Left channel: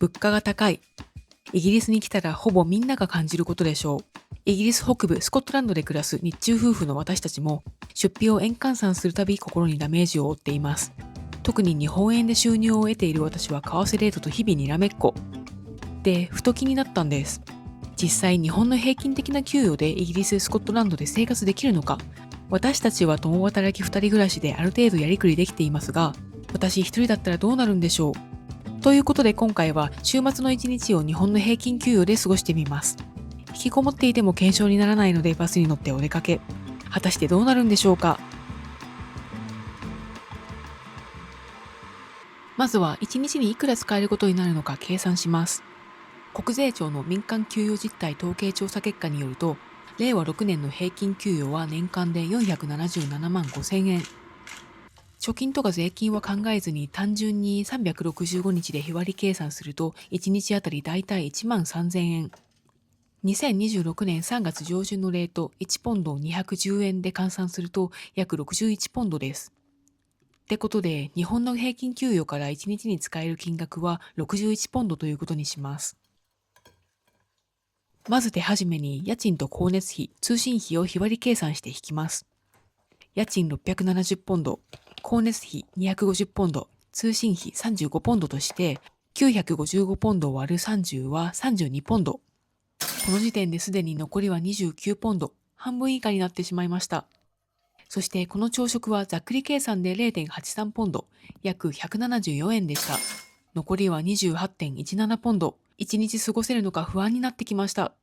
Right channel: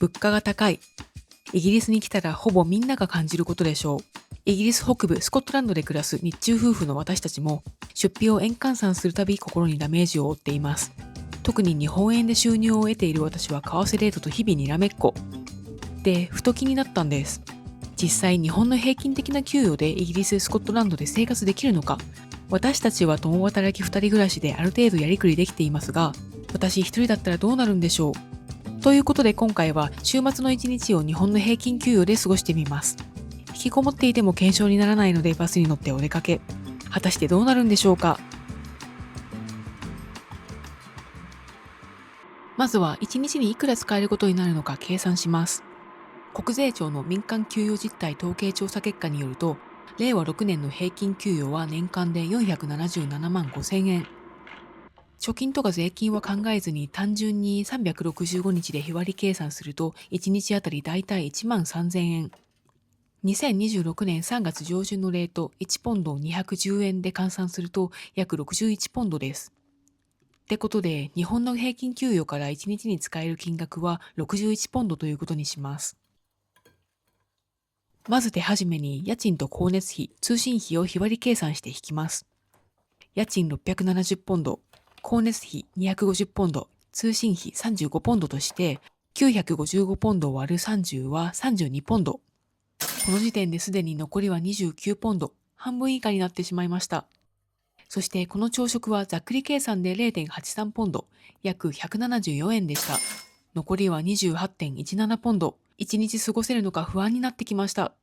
物価が高い。イギリスに来たらほぼみんなが感じることでしょう。イギリス北部スコットランドで暮らす日中夫婦の私たちも、出費を円換算するたび心にダメージを負っています。特に日本円で収入を得ている私は為替レートと日々にらめっこ。で、ふと気になったんです。実際日本の平均的な給与でイギリス、スコットランドで生活できるのか。私たちは共働き2人暮らしである程度やりくりできていますが、私一人だったらどうなるんでしょう。ということで今回は週末の一日を日本の平均給与で過ごしてみます。引きこもっていても検証にならないのでバスに乗ってお出かけ。果たしてどうなるんでしょうか。まずは1日にいくら使えることになるのか計算します。国税庁の民間給与実態統計調査結果によると、令和6年の平均給与は年間で477万5000円。貯金とか税金は考えずに単純に365日で日割り計算すると1日あたりだいたい1万3000円。2026年3月上旬のレート1ポンド210円で換算すると約61ポンドです。ってことで日本の平均給与から1日に使える金額は61ポンドということにします。まず手始めに家賃と光熱費、通信費を日割り計算して引きます。家賃670ポンド、光熱費250ポンド、通信費35ポンドとして955ポンド割る30は32ポンド。この時点ですでに残りは29ポンド、半分以下になってしまいました。そしてこの朝食はざっくり計算で 0.83 ポンド、約174円でした。残りは 28.17 ポンド。1日過ごせるのか不安になってきました。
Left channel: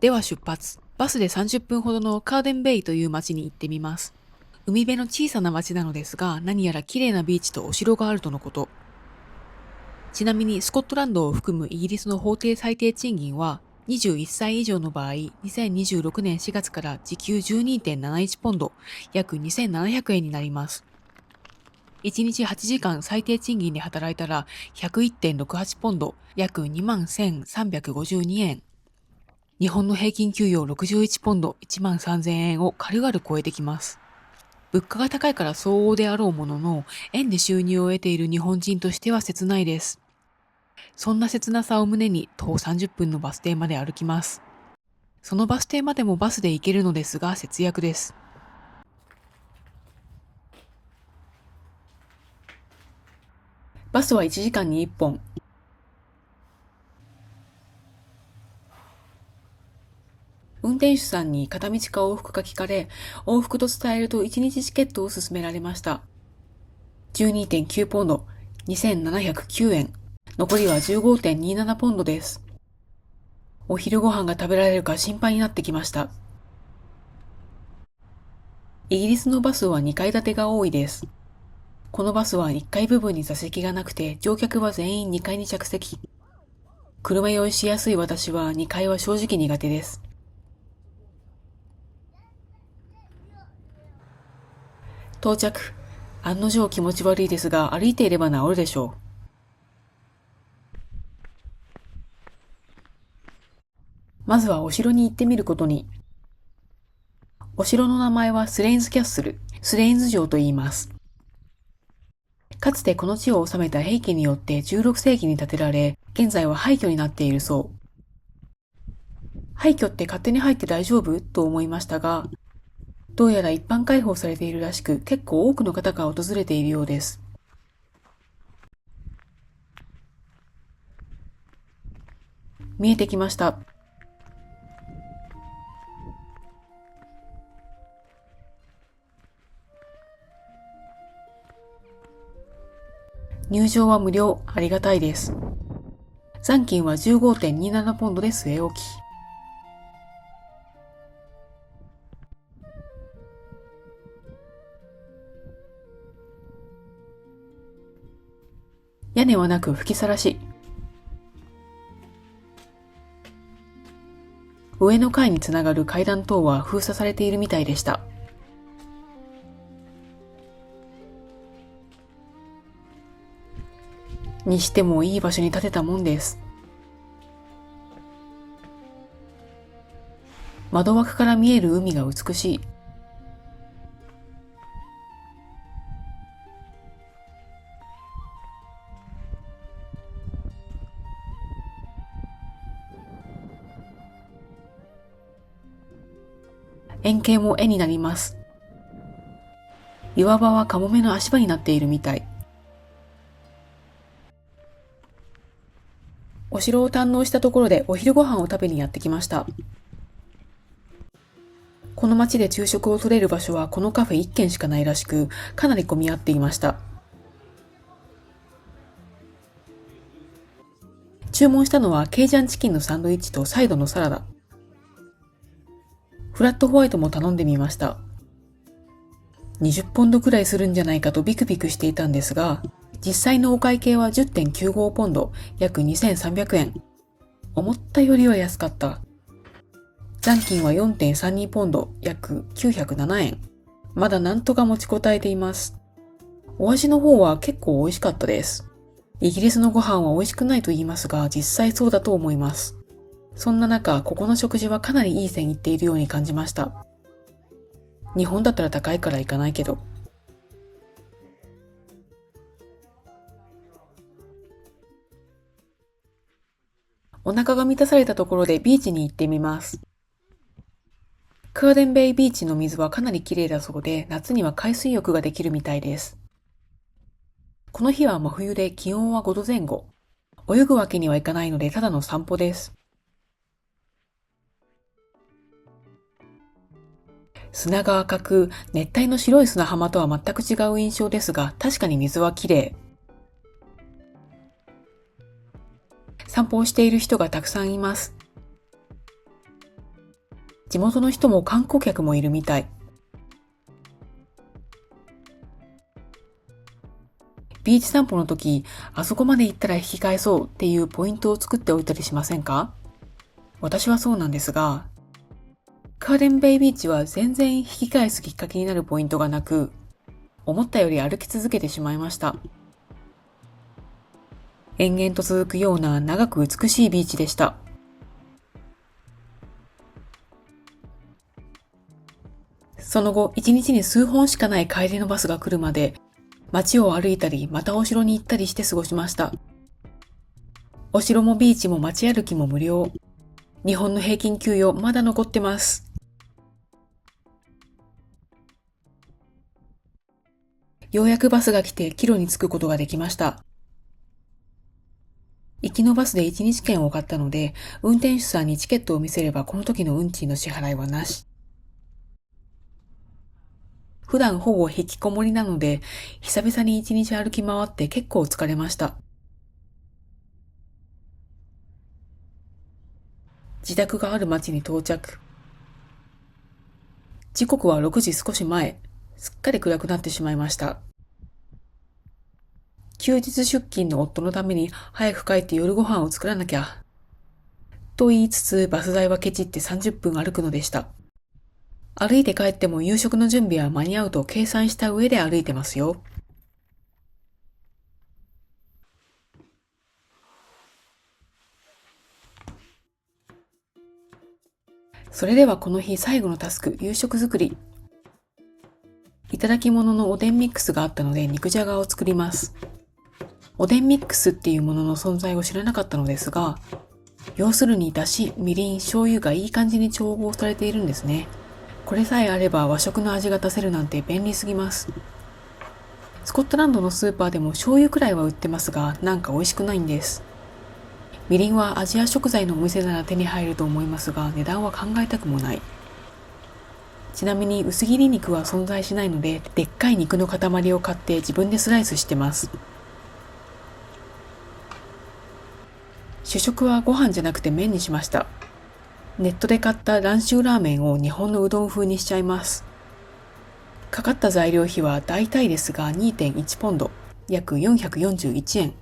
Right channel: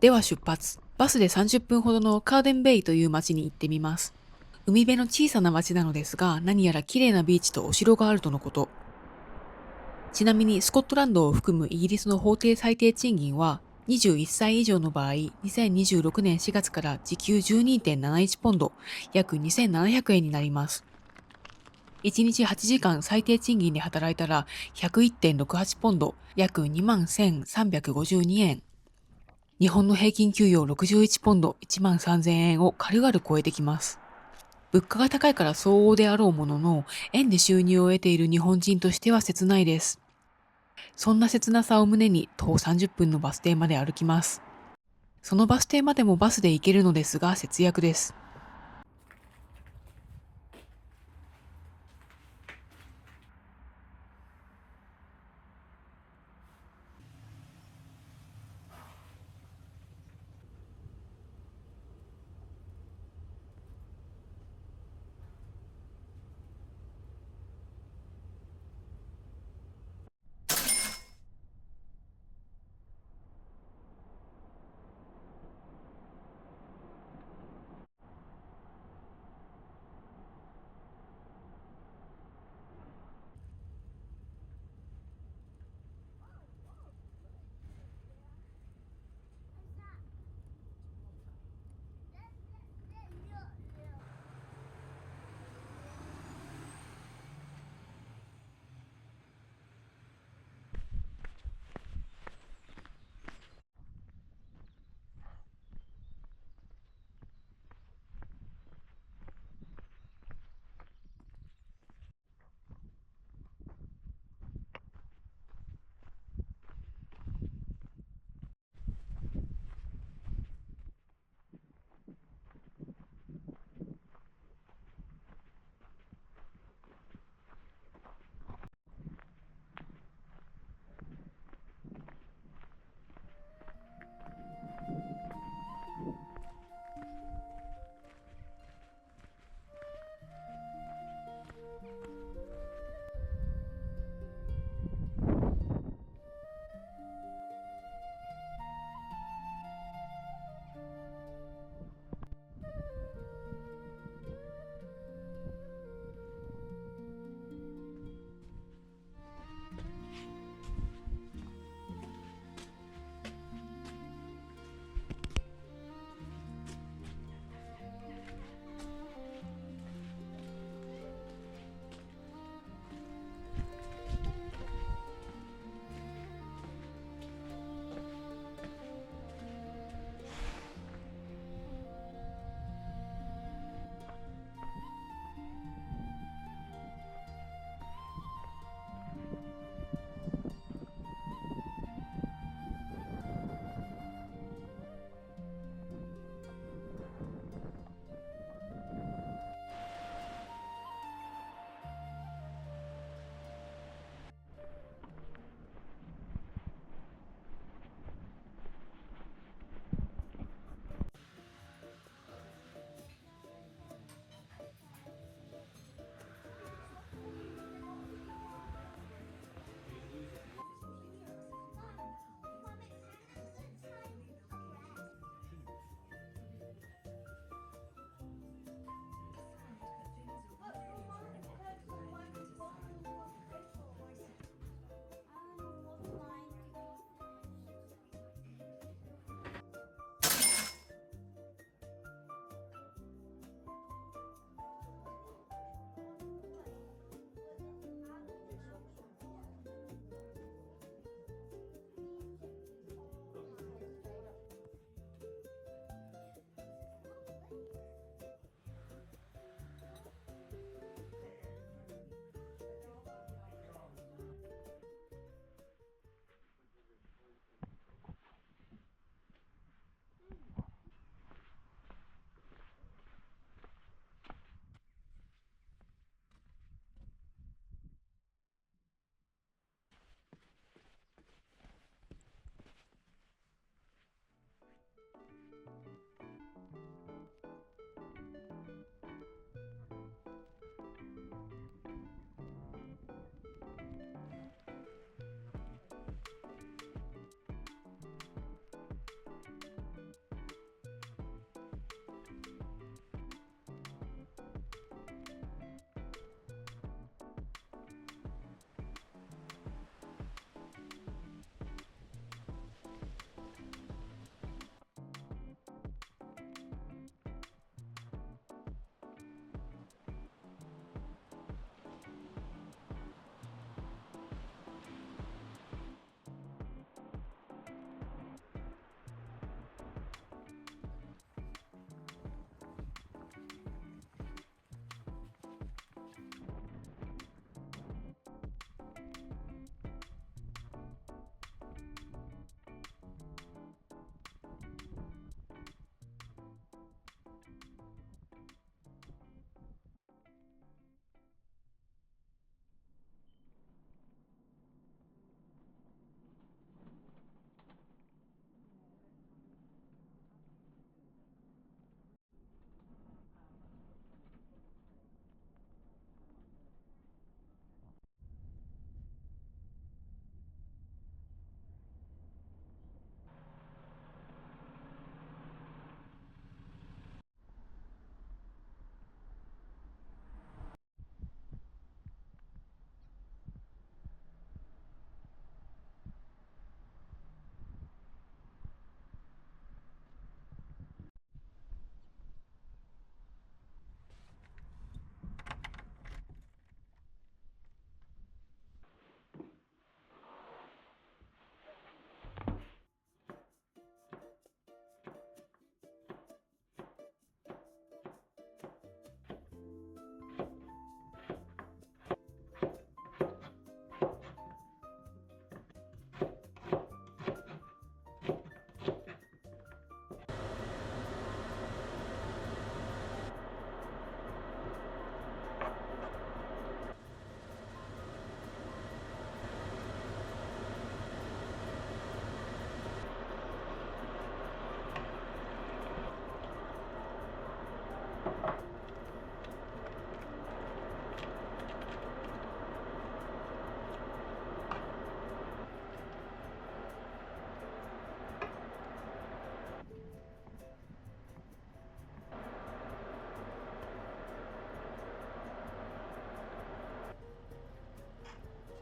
では出発。バスで30分ほどのカーデンベイという町に行ってみます。海辺の小さな町なのですが、何やら綺麗なビーチとお城があるとのこと。ちなみにスコットランドを含むイギリスの法定最低賃金は、21歳以上の場合、2026年4月から時給 12.71 ポンド、約2700円になります。1日8時間最低賃金で働いたら 101.68 ポンド、約21,352円。日本の平均給与61ポンド、1万3000円を軽々超えてきます。物価が高いから相応であろうものの、円で収入を得ている日本人としては切ないです。そんな切なさを胸に徒歩30分のバス停まで歩きます。そのバス停までもバスで行けるのですが節約です。バスは1時間に1本。運転手さんに片道か往復か聞かれ、往復と伝えると1日チケットを勧められました。12.9 ポンド、2709円。残りは 15.27 ポンドです。お昼ご飯が食べられるか心配になってきました。イギリスのバスは2階建てが多いです。このバスは1階部分に座席がなくて、乗客は全員2階に着席。車酔いしやすい私は2階は正直苦手です。到着。案の定気持ち悪いですが、歩いていれば治るでしょう。まずはお城に行ってみることに。お城の名前はスレインズキャッスル、スレインズ城と言います。かつてこの地を治めた平家によって16世紀に建てられ、現在は廃墟になっているそう。廃墟って勝手に入って大丈夫と思いましたが、どうやら一般開放されているらしく、結構多くの方が訪れているようです。見えてきました。入場は無料、ありがたいです。残金は 15.27 ポンドで据え置き。屋根はなく吹きさらし。上の階につながる階段等は封鎖されているみたいでした。にしてもいい場所に建てたもんです。窓枠から見える海が美しい。円形も絵になります。岩場はカモメの足場になっているみたい。お城を堪能したところでお昼ご飯を食べにやってきました。この町で昼食を取れる場所はこのカフェ1軒しかないらしく、かなり混み合っていました。注文したのはケイジャンチキンのサンドイッチとサイドのサラダ。フラットホワイトも頼んでみました。20ポンドくらいするんじゃないかとビクビクしていたんですが、実際のお会計は 10.95 ポンド、約2300円。思ったよりは安かった。残金は 4.32 ポンド、約907円。まだなんとか持ちこたえています。お味の方は結構美味しかったです。イギリスのご飯は美味しくないと言いますが、実際そうだと思います。そんな中、ここの食事はかなりいい線いっているように感じました。日本だったら高いから行かないけど。お腹が満たされたところでビーチに行ってみます。カーデンベイビーチの水はかなり綺麗だそうで、夏には海水浴ができるみたいです。この日は真冬で気温は5度前後。泳ぐわけにはいかないのでただの散歩です。砂が赤く、熱帯の白い砂浜とは全く違う印象ですが、確かに水は綺麗。散歩をしている人がたくさんいます。地元の人も観光客もいるみたい。ビーチ散歩の時、あそこまで行ったら引き返そうっていうポイントを作っておいたりしませんか？私はそうなんですが、カーデンベイビーチは全然引き返すきっかけになるポイントがなく、思ったより歩き続けてしまいました。延々と続くような長く美しいビーチでした。その後、一日に数本しかない帰りのバスが来るまで、街を歩いたり、またお城に行ったりして過ごしました。お城もビーチも街歩きも無料。日本の平均給与まだ残ってます。ようやくバスが来て帰路に着くことができました。行きのバスで1日券を買ったので、運転手さんにチケットを見せればこの時の運賃の支払いはなし。普段ほぼ引きこもりなので、久々に1日歩き回って結構疲れました。自宅がある町に到着。時刻は6時少し前。すっかり暗くなってしまいました。休日出勤の夫のために早く帰って夜ご飯を作らなきゃ。と言いつつバス代はケチって30分歩くのでした。歩いて帰っても夕食の準備は間に合うと計算した上で歩いてますよ。それではこの日最後のタスク、夕食作り。いただき物のおでんミックスがあったので肉じゃがを作ります。おでんミックスっていうものの存在を知らなかったのですが、要するにだし、みりん、醤油がいい感じに調合されているんですね。これさえあれば和食の味が出せるなんて便利すぎます。スコットランドのスーパーでも醤油くらいは売ってますが、なんか美味しくないんです。みりんはアジア食材のお店なら手に入ると思いますが、値段は考えたくもない。ちなみに薄切り肉は存在しないので、でっかい肉の塊を買って自分でスライスしてます。主食はご飯じゃなくて麺にしました。ネットで買った蘭州ラーメンを日本のうどん風にしちゃいます。かかった材料費は大体ですが 2.1 ポンド、約441円。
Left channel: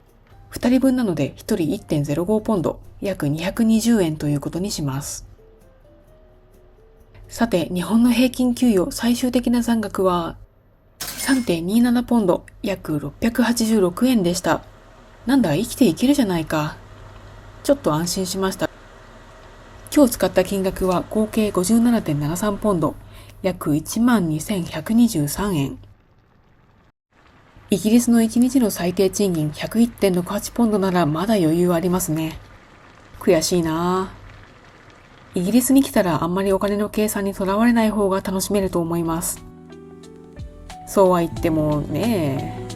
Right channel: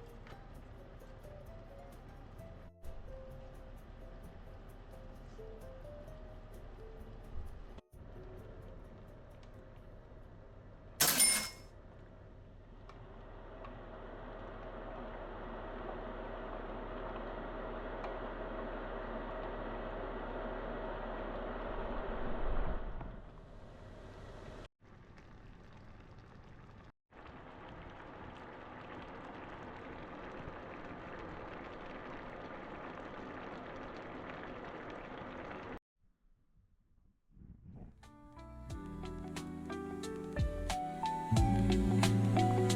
2人分なので1人 1.05 ポンド、約220円ということにします。さて、日本の平均給与最終的な残額は 3.27 ポンド、約686円でした。なんだ、生きていけるじゃないか。ちょっと安心しました。今日使った金額は合計 57.73 ポンド、約 12,123 円。イギリスの1日の最低賃金 101.68 ポンドならまだ余裕ありますね。悔しいなぁ。イギリスに来たらあんまりお金の計算にとらわれない方が楽しめると思います。そうは言ってもね、